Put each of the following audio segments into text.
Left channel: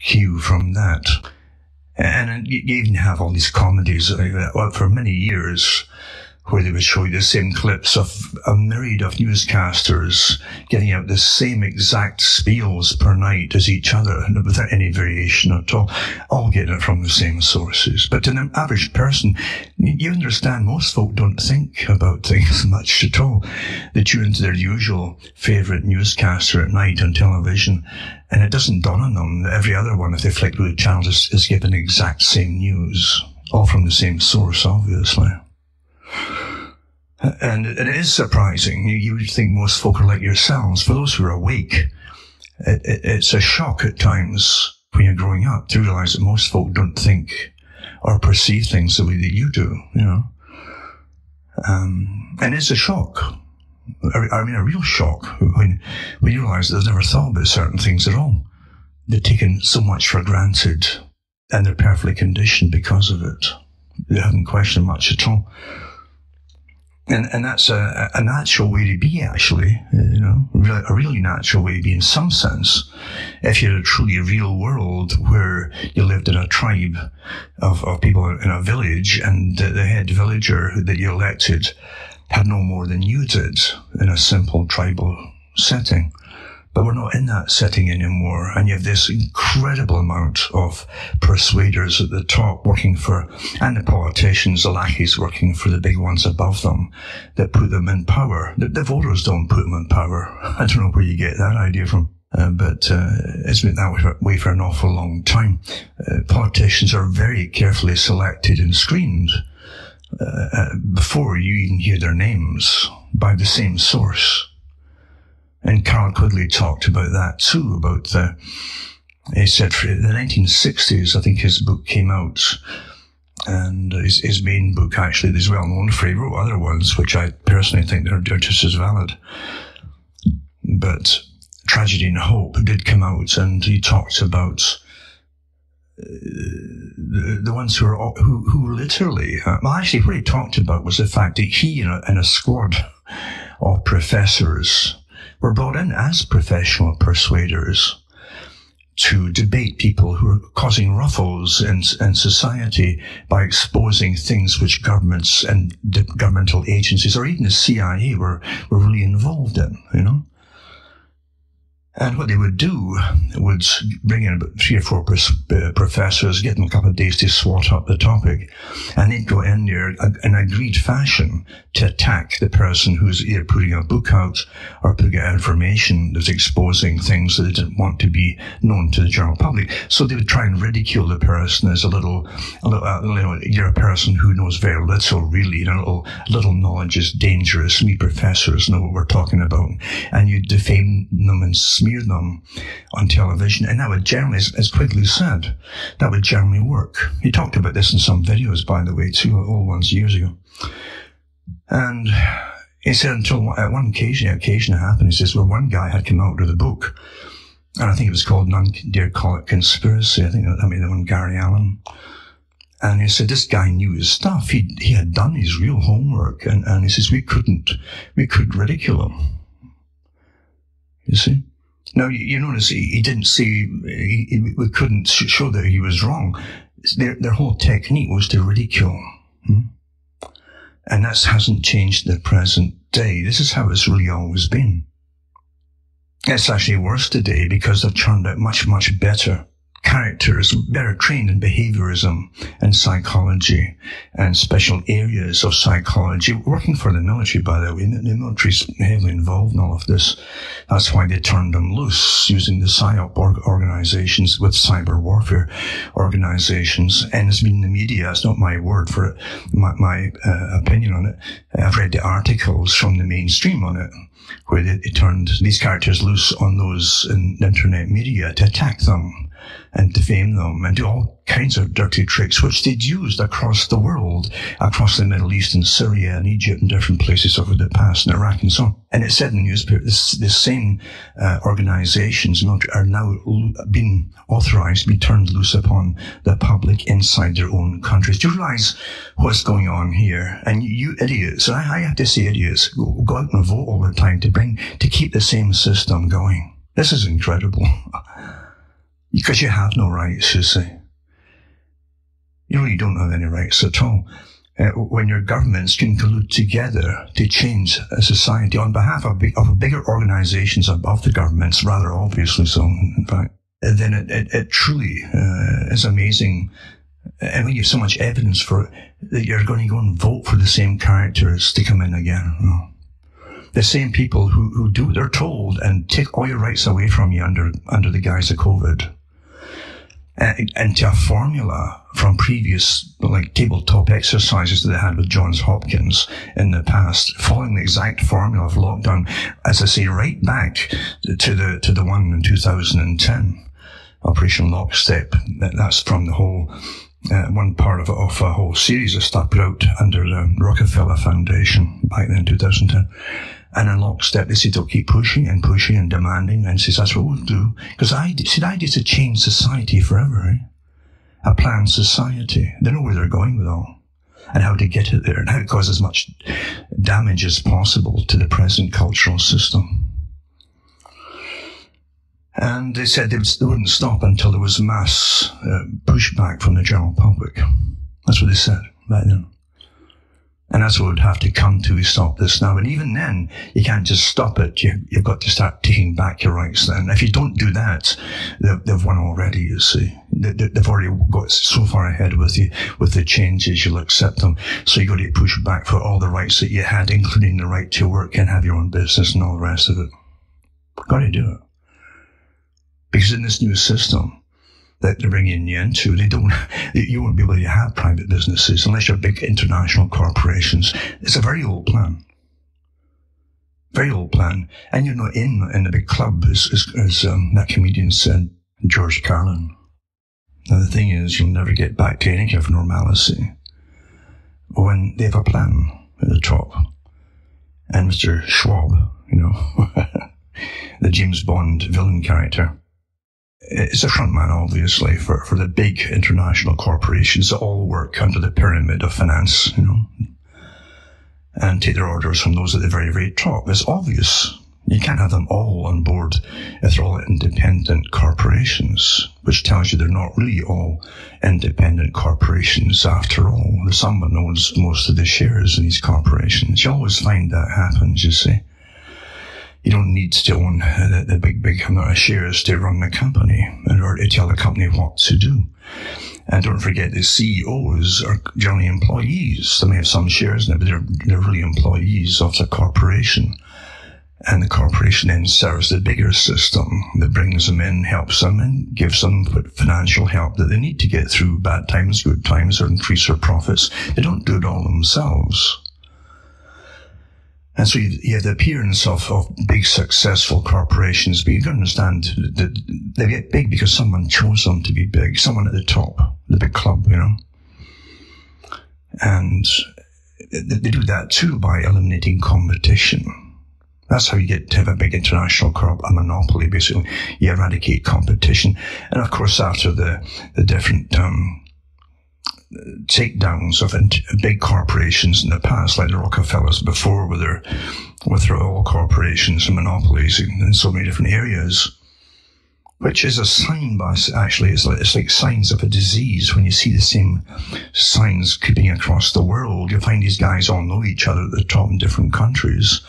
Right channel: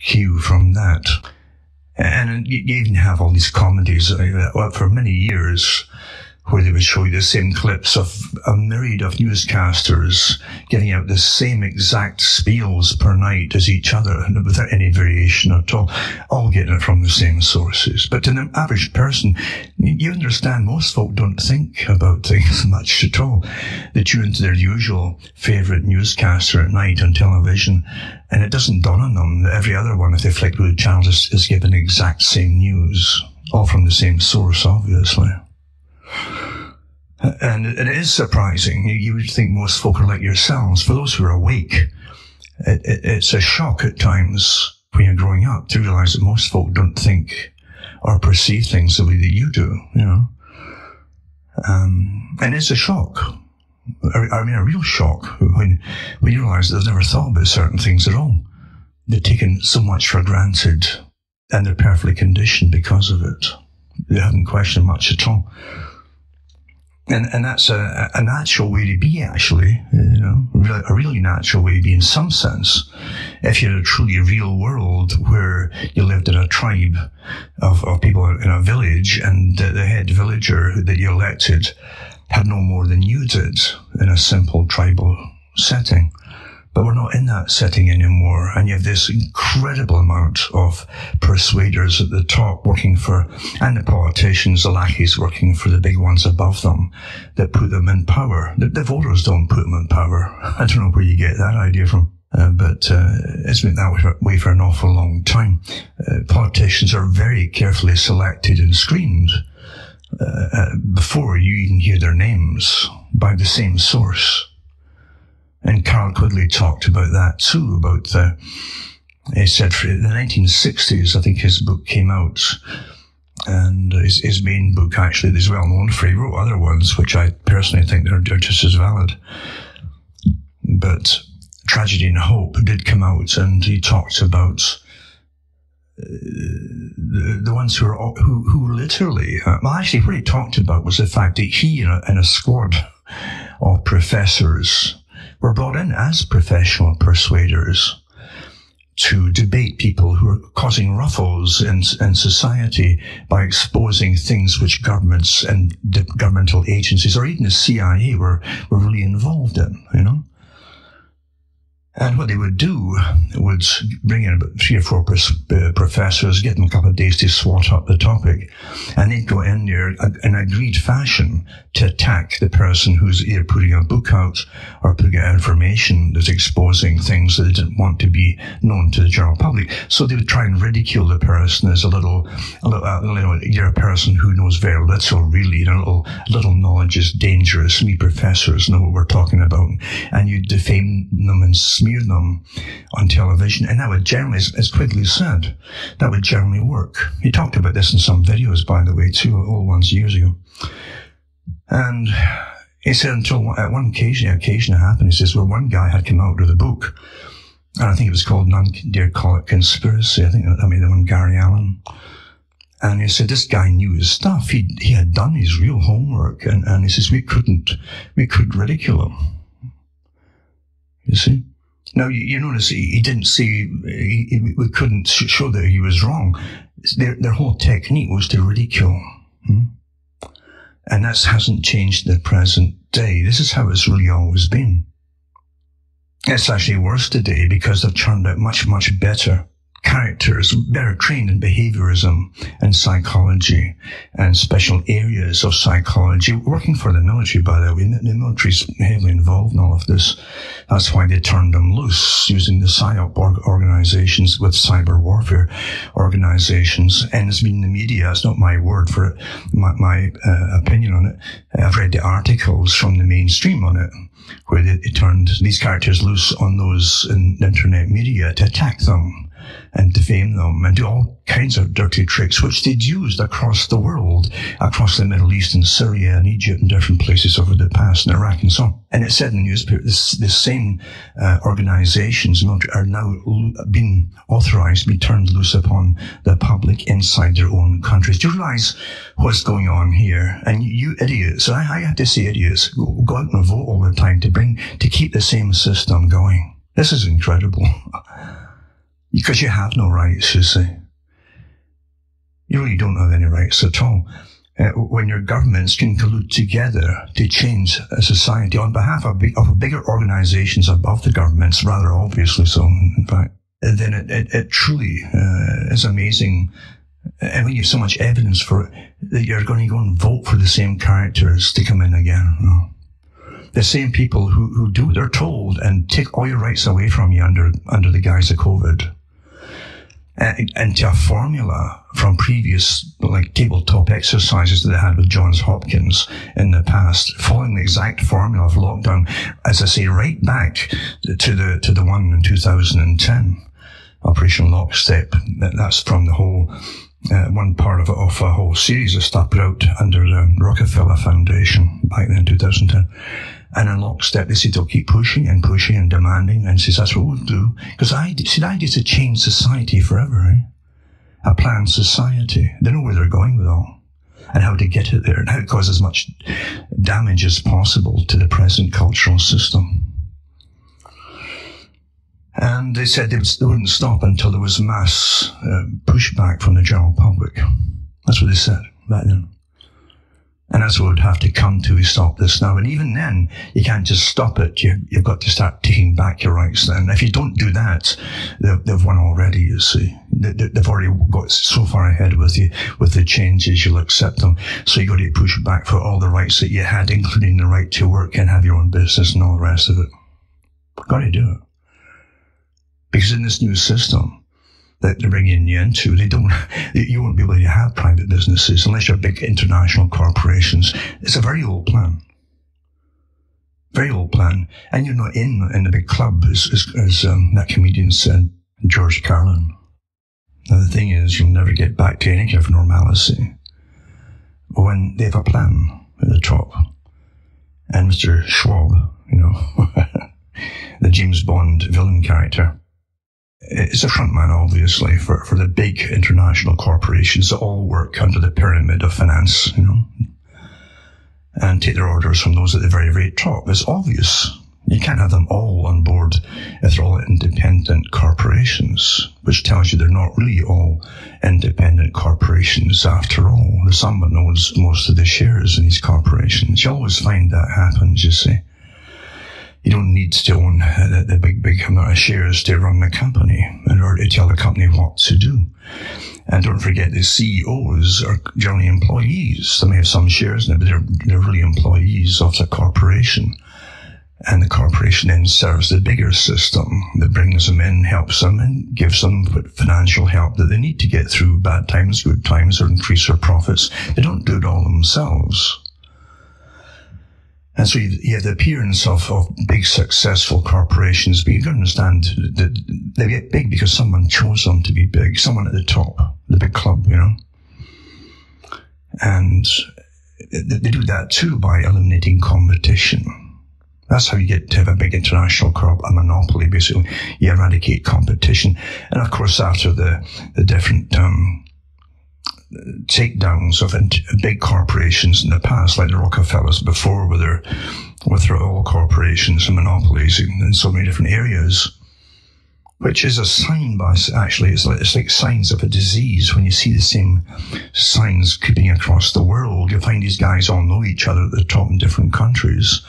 cue from that. And you even have all these comedies for many years where they would show you the same clips of a myriad of newscasters getting out the same exact spiels per night as each other without any variation at all getting it from the same sources. But to an average person, you understand most folk don't think about things much at all. They tune into their usual favourite newscaster at night on television, and it doesn't dawn on them that every other one, if they flick through the channels, is given the exact same news, all from the same source, obviously. And it is surprising. You would think most folk are like yourselves. For those who are awake, it's a shock at times when you're growing up to realise that most folk don't think or perceive things the way that you do, you know. And it's a shock. I mean, a real shock when you realise that they've never thought about certain things at all. They've taken so much for granted, and they're perfectly conditioned because of it. They haven't questioned much at all. And that's a natural way to be, actually, you know, a really natural way to be in some sense. If you had a truly real world where you lived in a tribe of people in a village, and the head villager that you elected had no more than you did in a simple tribal setting. But we're not in that setting anymore, and you have this incredible amount of persuaders at the top working for, and the politicians, the lackeys working for the big ones above them that put them in power. The voters don't put them in power. I don't know where you get that idea from. But it's been that way for an awful long time. Politicians are very carefully selected and screened before you even hear their names by the same source. And Carl Quigley talked about that too, he said for the 1960s, I think his book came out, and his main book actually is well known for, he wrote other ones, which I personally think are just as valid. But Tragedy and Hope did come out, and he talked about the ones who literally, well, actually what he talked about was the fact that he and a squad of professors were brought in as professional persuaders to debate people who are causing ruffles in society by exposing things which governments and governmental agencies or even the CIA were really involved in, you know. And what they would do would bring in about 3 or 4 professors, give them a couple of days to swat up the topic, and they'd go in there in an agreed fashion to attack the person who's either putting a book out or putting out information that's exposing things that they didn't want to be known to the general public. So they would try and ridicule the person as you're a person who knows very little, really, little knowledge is dangerous. We professors know what we're talking about. And you defame them and smear them on television, and that would generally, as Quigley said, that would generally work. He talked about this in some videos, by the way, too, old ones years ago. And he said until at one occasion it happened, he says, well, one guy had come out with a book, and I think it was called, none dare call it conspiracy, the one Gary Allen. And he said this guy knew his stuff. He had done his real homework, and he says we couldn't ridicule him. You see? Now, you notice he didn't say, we couldn't show that he was wrong. Their whole technique was to ridicule. And that hasn't changed in the present day. This is how it's really always been. It's actually worse today because they've turned out much, much better characters, better trained in behaviorism and psychology and special areas of psychology, working for the military, by the way. The military's heavily involved in all of this. That's why they turned them loose, using the PSYOP organizations with cyber warfare organizations. And it's been in the media. It's not my word for it, my opinion on it. I've read the articles from the mainstream on it, where they turned these characters loose on those in the internet media to attack them and defame them and do all kinds of dirty tricks, which they'd used across the world, across the Middle East and Syria and Egypt and different places over the past, and Iraq and so on. And it said in the newspaper, this same organizations are now being authorized to be turned loose upon the public inside their own countries. Do you realize what's going on here? And you idiots, I have to say idiots, go out and vote all the time to keep the same system going. This is incredible. Because you have no rights, you see. You really don't have any rights at all. When your governments can collude together to change a society on behalf of bigger organizations above the governments, rather obviously so, in fact, then it truly is amazing. And when you have so much evidence for it, that you're going to go and vote for the same characters to come in again. No. The same people who do what they're told and take all your rights away from you under the guise of COVID. Into a formula from previous, like, tabletop exercises that they had with Johns Hopkins in the past, following the exact formula of lockdown, as I say, right back to the one in 2010, Operation Lockstep. That's from the whole, one part of a whole series of stuff put out under the Rockefeller Foundation back then in 2010. And in lockstep, they said they'll keep pushing and pushing and demanding, and says that's what we'll do. Because the idea is to change society forever, eh? A planned society. They know where they're going with all, and how to get it there, and how to cause as much damage as possible to the present cultural system. And they said they wouldn't stop until there was mass pushback from the general public. That's what they said back then. And that's what would have to come to stop this now. And even then, you can't just stop it. You've got to start taking back your rights then. If you don't do that, they've won already, you see. They've already got so far ahead with you, with the changes, you'll accept them. So you've got to push back for all the rights that you had, including the right to work and have your own business and all the rest of it. Got to do it. Because in this new system that they're bringing you into, you won't be able to have private businesses unless you're big international corporations. It's a very old plan. Very old plan. And you're not in the big club, as that comedian said, George Carlin. Now the thing is, you'll never get back to any kind of normalcy when they have a plan at the top. And Mr. Schwab, the James Bond villain character, is a frontman, obviously, for the big international corporations that all work under the pyramid of finance, and take their orders from those at the very, very top. It's obvious. You can't have them all on board if they're all independent corporations, which tells you they're not really all independent corporations after all. Someone owns most of the shares in these corporations. You always find that happens, you see. You don't need to own the big amount of shares to run the company in order to tell the company what to do. And don't forget, the CEOs are generally employees. They may have some shares in it, but they're really employees of the corporation. And the corporation then serves the bigger system that brings them in, helps them, and gives them financial help that they need to get through bad times, good times, or increase their profits. They don't do it all themselves. And so you have the appearance of big successful corporations, but you can understand that they get big because someone chose them to be big, someone at the top, the big club, And they do that too by eliminating competition. That's how you get to have a big international corp, a monopoly, basically. You eradicate competition. And of course, after the different takedowns of big corporations in the past, like the Rockefellers before, with their oil corporations and monopolies in so many different areas, which is a sign, actually, it's like signs of a disease. When you see the same signs creeping across the world, you find these guys all know each other at the top in different countries,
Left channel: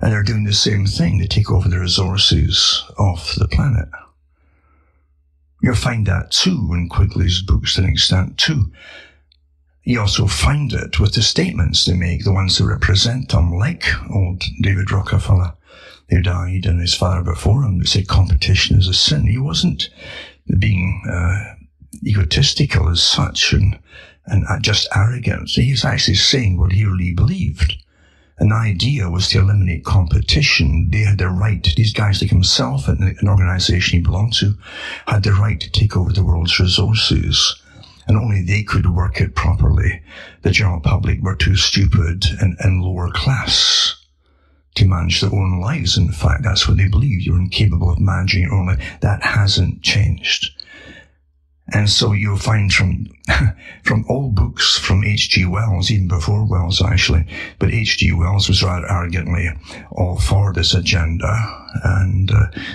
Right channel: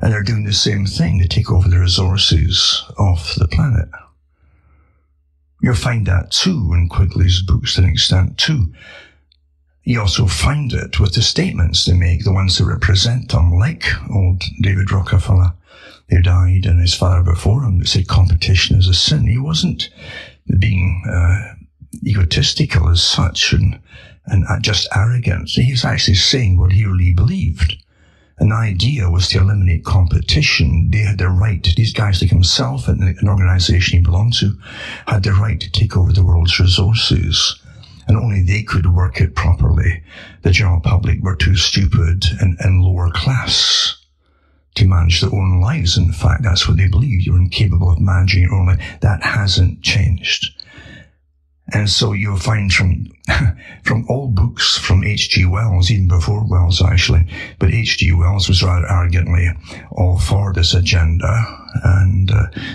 and they're doing the same thing. They take over the resources of the planet. You'll find that too in Quigley's books to an extent too. You also find it with the statements they make, the ones that represent them, like old David Rockefeller, who died, and his father before him, that said competition is a sin. He wasn't being egotistical as such and just arrogant. He was actually saying what he really believed. And the idea was to eliminate competition. They had the right, these guys like himself and an organization he belonged to, had the right to take over the world's resources. And only they could work it properly. The general public were too stupid and lower class to manage their own lives. In fact, that's what they believed. You were incapable of managing your own life. That hasn't changed. And so you'll find from all books from H.G. Wells, even before Wells actually, but H.G. Wells was rather arrogantly all for this agenda, and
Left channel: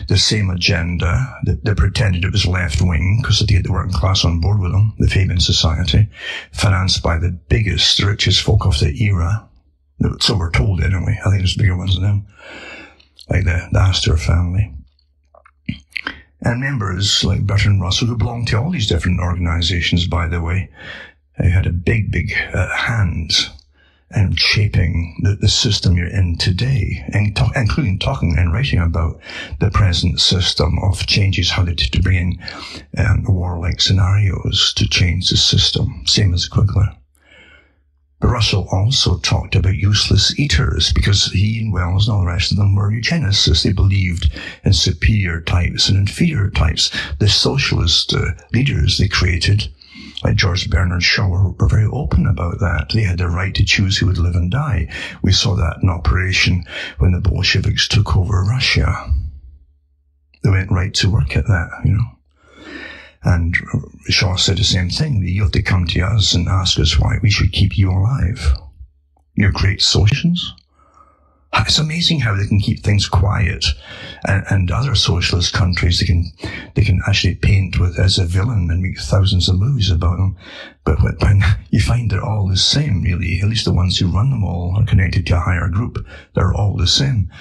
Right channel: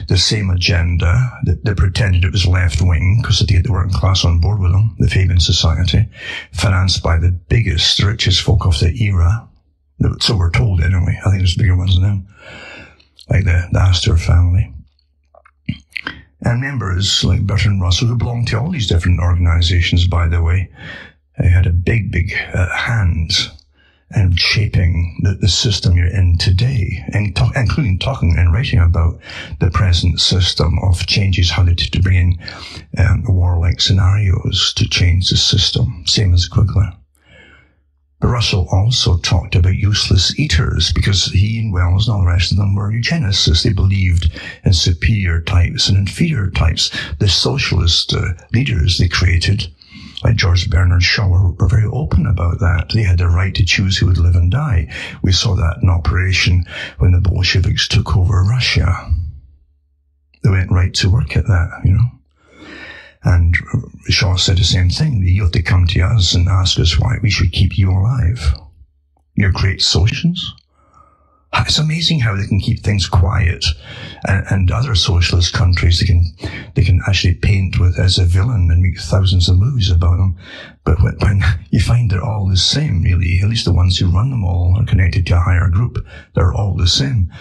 the same agenda that pretended it was left-wing because they get the working class on board with them, the Fabian Society, financed by the biggest, richest folk of the era. So we're told anyway. I think there's bigger ones than them, like the Astor family. And members like Bertrand Russell, who belonged to all these different organizations, by the way, had a big hand in shaping the system you're in today, including talking and writing about the present system of changes, how to bring in warlike scenarios to change the system, same as Quigley. But Russell also talked about useless eaters, because he and Wells and all the rest of them were eugenicists. They believed in superior types and inferior types. The socialist leaders they created, like George Bernard Shaw, were very open about that. They had the right to choose who would live and die. We saw that in operation when the Bolsheviks took over Russia. They went right to work at that, you know. And Shaw said the same thing. You have to come to us and ask us why we should keep you alive. You're great socialists. It's amazing how they can keep things quiet. And other socialist countries, they can actually paint with as a villain and make thousands of movies about them. But when you find they're all the same, really, at least the ones who run them all are connected to a higher group. They're all the same.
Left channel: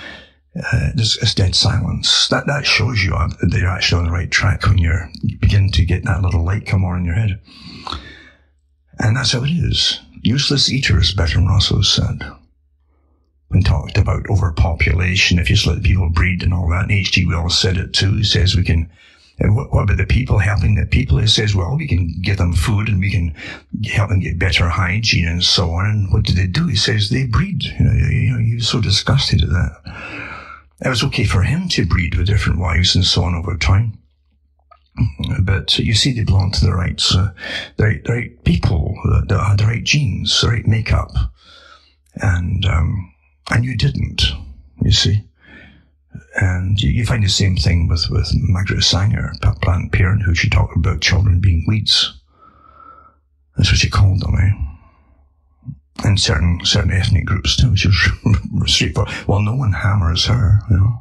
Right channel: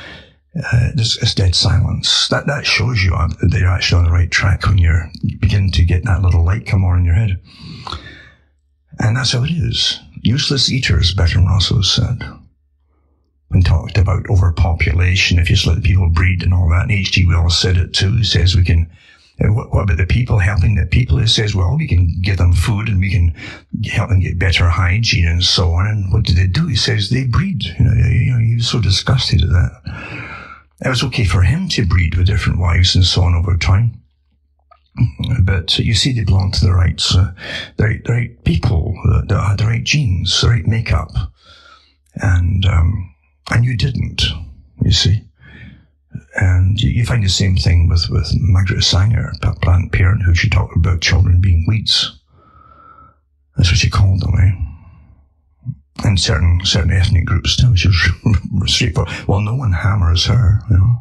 It's dead silence. That shows you that you're actually on the right track when you begin to get that little light come on in your head. And that's how it is. Useless eaters, Bertrand Russell said. When talked about overpopulation, if you just let the people breed and all that, and H.G. Wells said it too. He says we can, what about the people, helping the people? He says, well, we can give them food and we can help them get better hygiene and so on. And what do they do? He says they breed. You know, he was so disgusted at that. It was okay for him to breed with different wives and so on over time. But you see, they belong to the right people, the right genes, the right makeup. And you didn't, you see. And you find the same thing with Margaret Sanger, Planned Parenthood. She talked about children being weeds. That's what she called them, eh? And certain ethnic groups too, which is straightforward. Well, no one hammers her, you know.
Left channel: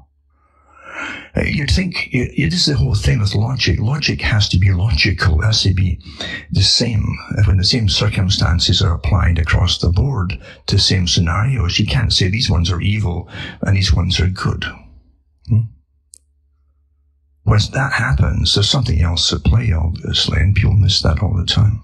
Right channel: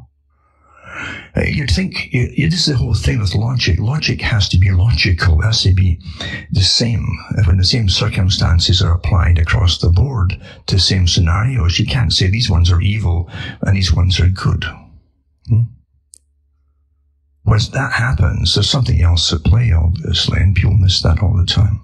You'd think, this is the whole thing with logic. Logic has to be logical. It has to be the same. When the same circumstances are applied across the board to the same scenarios, you can't say these ones are evil and these ones are good. When that happens, there's something else at play, obviously, and people miss that all the time.